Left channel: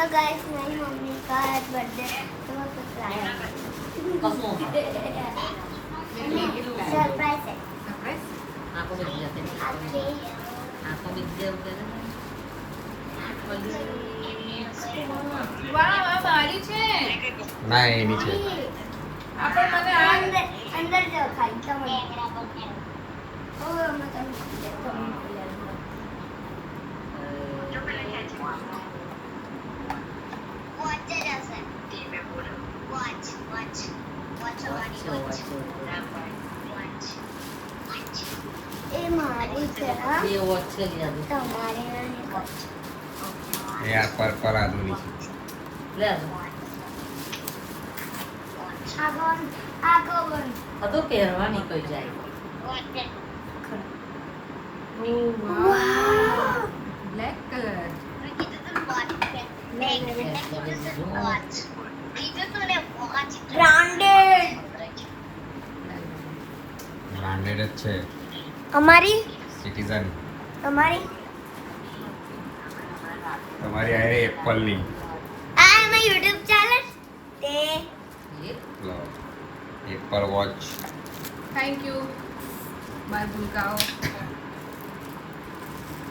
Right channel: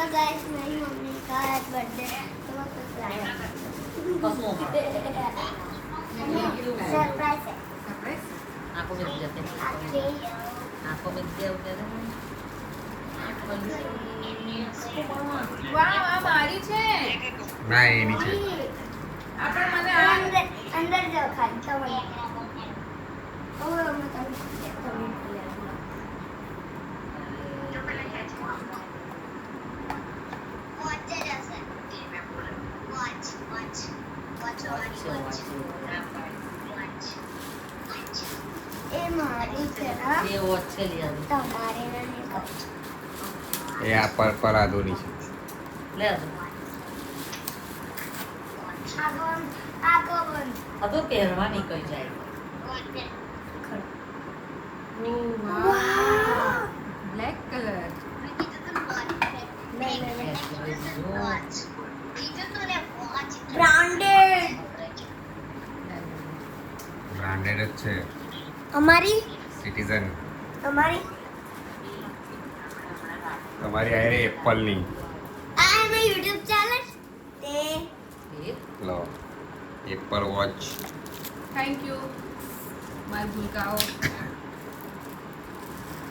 Hello guys, मेरी mummy का आज बर्थडे है तो मैं कुछ लाया कसमों सरप्राइज है आपको मिल जाते हैं आपके आपको मिल गया उधर વાહ વાહ મારી છે ના એ નીચે આપણ મને આ अंदर अंदर जाओ खाली तो मैं ओ मैं એ મારી છે ના ये वो अच्छे लिया તમારે નહીં એ આ પર આદોની છે ले આગળ अब तो પહેરવાની કોઈ જાય ઓ વાહ વાવ બ્લેક કલર બ્રાન્ડેડ બ્રાન્ડેડ જ છે અમારી સિટીઝન અમારી તમારી આ એપલની આ એમાં YouTube ચાલે તે લો Apple Watch thank you bye ભૂલકાઓ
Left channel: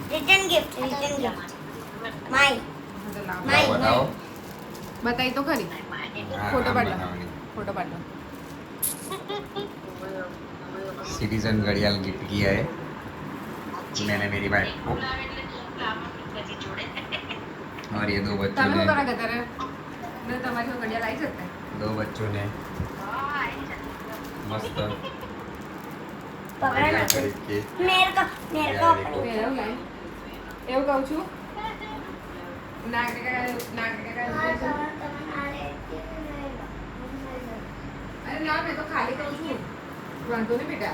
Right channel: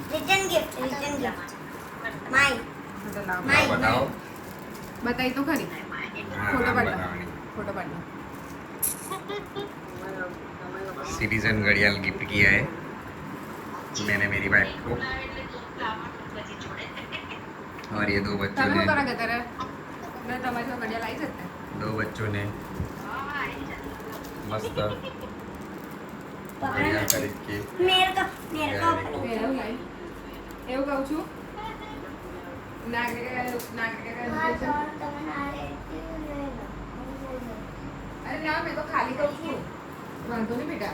રિટર્ન ગિફ્ટ માય ફોટો લાવ માય બતાવો બતાઈ તો ખરી હા, ફોટો આમ પાડો બનાવવાની. ફોટો પાડો सिटीजन घड़ियाल गिफ्ट किया है मैंने मेरी वाइफ को और ये दो बच्चों તમે ने શું કરા ગતરે મેં તમારી ઘડિયાળ આવી જતે दो बच्चों ने मस्त पकड़ा बढ़िया ना खरीद के मेरे को अपनी એવું નહીં એવું કહું છું નાક हाँ, तो तुम्हें आ रहे અરે ના મેં તો ખાલી કહું છું વાંધો નહીં બેટા